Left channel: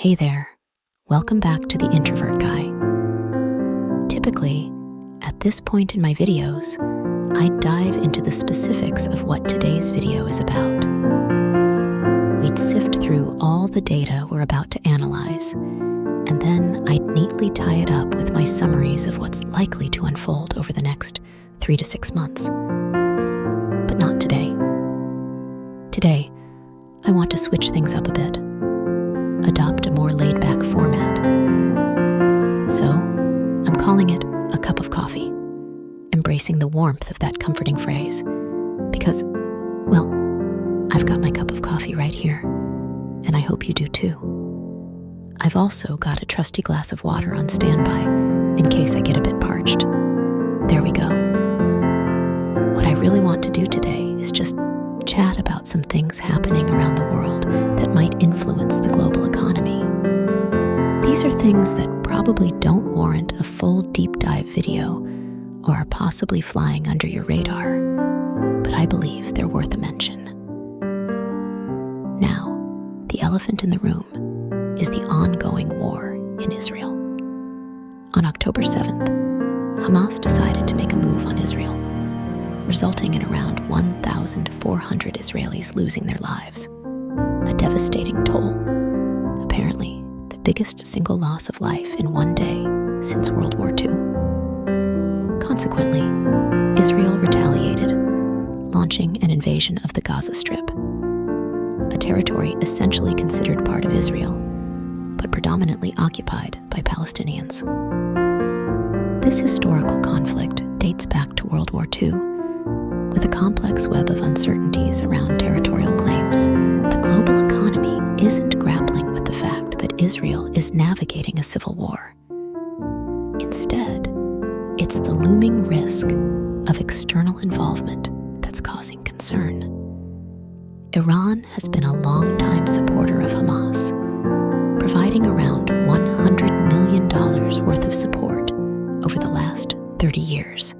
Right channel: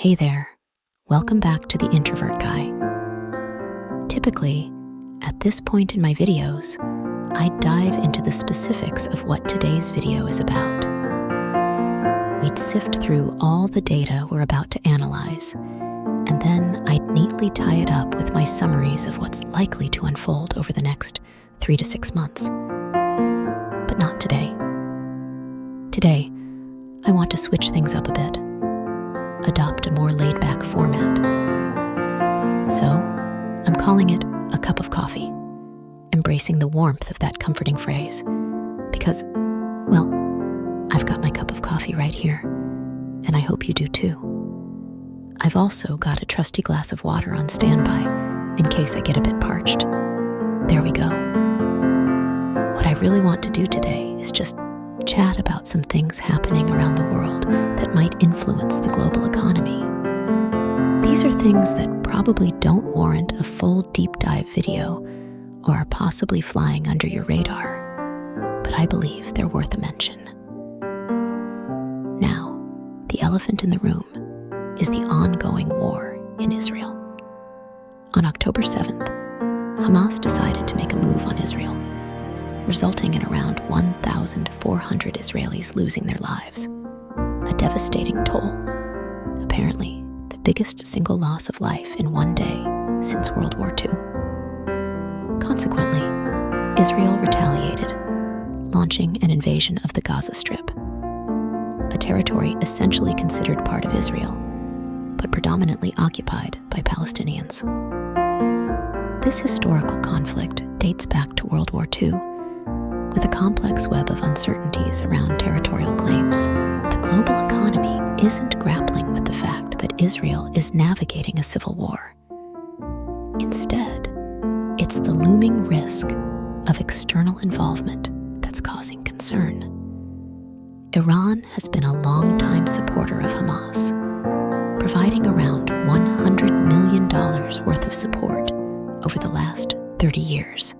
Hey there, welcome back to the Introvert Guy. Typically, at this point in my videos, I dive into the specifics of what today's video is about. We'd sift through all the data we're about to analyze, and then I'd neatly tie it up with my summaries of what's likely to unfold over the next 3 to 6 months. But not today. Today, I want to switch things up a bit, adopt a more laid-back format. So, I'm calling it a cup of coffee, embracing the warmth of that comforting phrase, because, well, I've got my cup of coffee right here, and I hope you do too. I've also got a trusty glass of water on standby in case I get a bit parched. There we go. What I really want to do today is just chat about some things happening around the world that might influence the global economy. These are things that probably don't warrant a full deep dive video or are possibly flying under your radar, but I believe they're worth a mention. Now, the elephant in the room is the ongoing war in Israel. On October 7th, Hamas decided to make a move on Israel, resulting in around 1,400 Israelis losing their lives, a devastating toll, apparently the biggest single loss of life in one day since World War II. Consequently, Israel retaliated, launching an invasion of the Gaza Strip, a territory essentially considered part of Israel, but predominantly occupied by Palestinians. This historical conflict dates back to World War II, with a complex web of uncertainties around territorial claims. The global economy isn't grappling with the fact that Israel is navigating a civil war. Instead, it's the looming risk of external involvement that's causing concern. Iran has been a longtime supporter of Hamas, providing around $100 million worth of support over the last 30 years.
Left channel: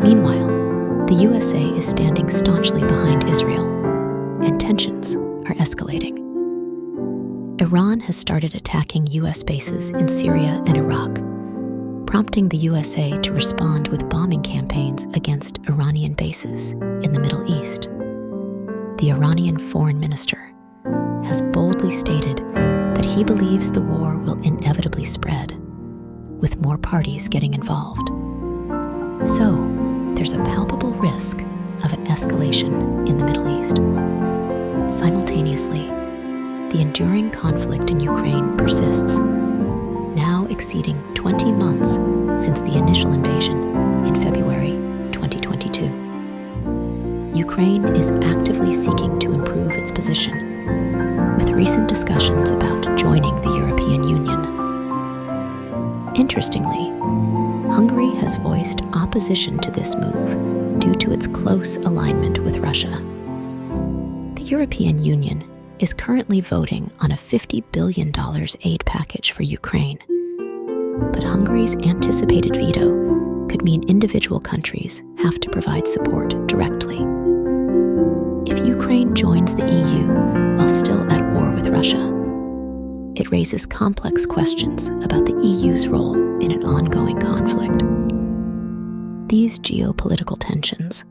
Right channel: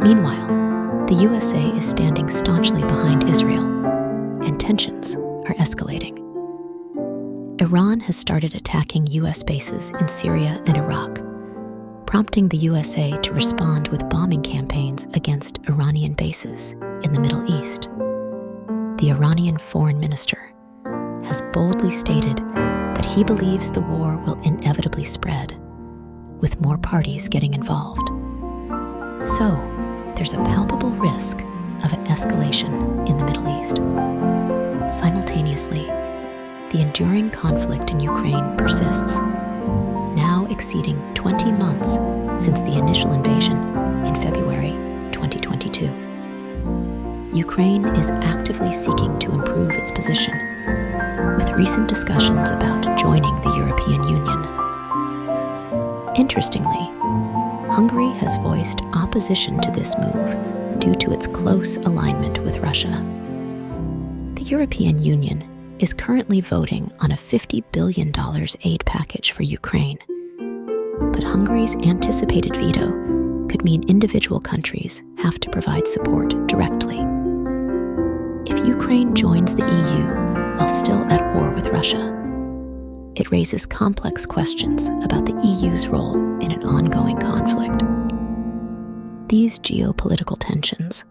Meanwhile, the USA is standing staunchly behind Israel, and tensions are escalating. Iran has started attacking US bases in Syria and Iraq, prompting the USA to respond with bombing campaigns against Iranian bases in the Middle East. The Iranian foreign minister has boldly stated that he believes the war will inevitably spread, with more parties getting involved. So, there's a palpable risk of an escalation in the Middle East. Simultaneously, the enduring conflict in Ukraine persists, now exceeding 20 months since the initial invasion in February 2022. Ukraine is actively seeking to improve its position, with recent discussions about joining the European Union. Interestingly, Hungary has voiced opposition to this move due to its close alignment with Russia. The European Union is currently voting on a $50 billion aid package for Ukraine, but Hungary's anticipated veto could mean individual countries have to provide support directly. If Ukraine joins the EU while still at war with Russia, it raises complex questions about the EU's role in an ongoing conflict. These geopolitical tensions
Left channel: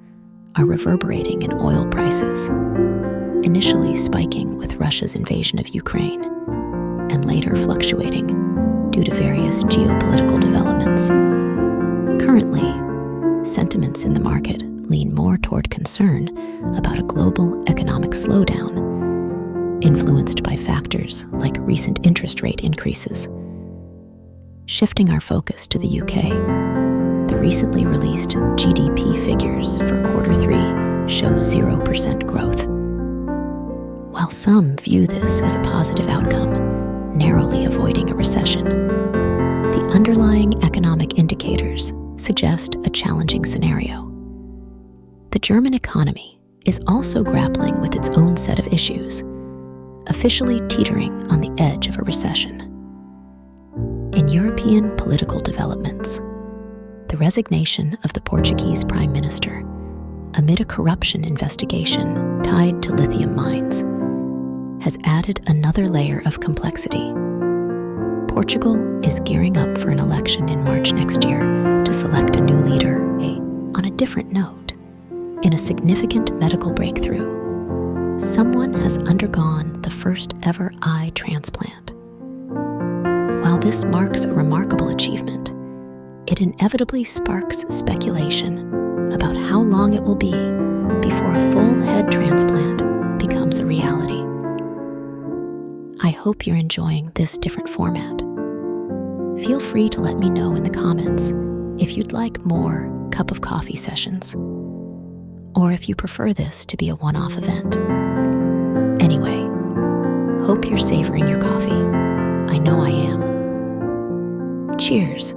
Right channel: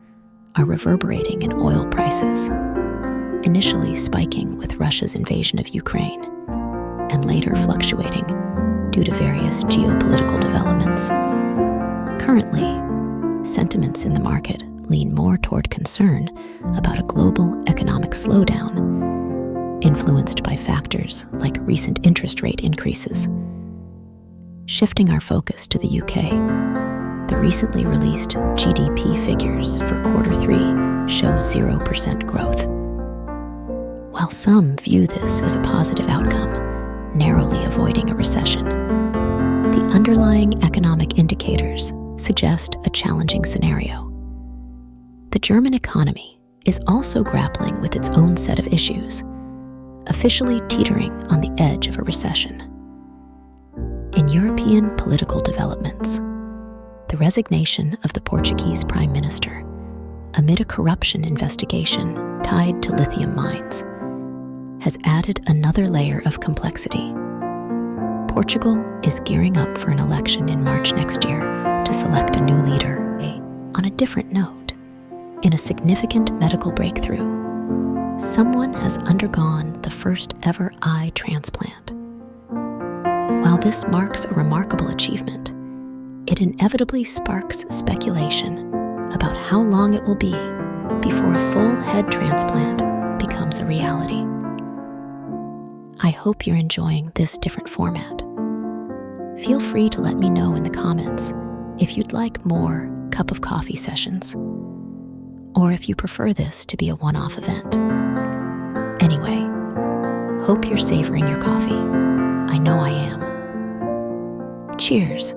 are reverberating in oil prices, initially spiking with Russia's invasion of Ukraine, and later fluctuating due to various geopolitical developments. Currently, sentiments in the market lean more toward concern about a global economic slowdown, influenced by factors like recent interest rate increases. Shifting our focus to the UK, the recently released GDP figures for Q3 show 0% growth. While some view this as a positive outcome, narrowly avoiding a recession, the underlying economic indicators suggest a challenging scenario. The German economy is also grappling with its own set of issues, officially teetering on the edge of a recession. In European political developments, the resignation of the Portuguese Prime Minister amid a corruption investigation tied to lithium mines has added another layer of complexity. Portugal is gearing up for an election in March next year to select a new leader. On a different note, in a significant medical breakthrough, someone has undergone the first ever eye transplant. While this marks a remarkable achievement, it inevitably sparks speculation about how long it will be before a full head transplant becomes a reality. I hope you're enjoying this different format. Feel free to let me know in the comments if you'd like more cup of coffee sessions, or if you prefer this to be a one-off event. Anyway, hope you're savoring your coffee. I know I am. Cheers.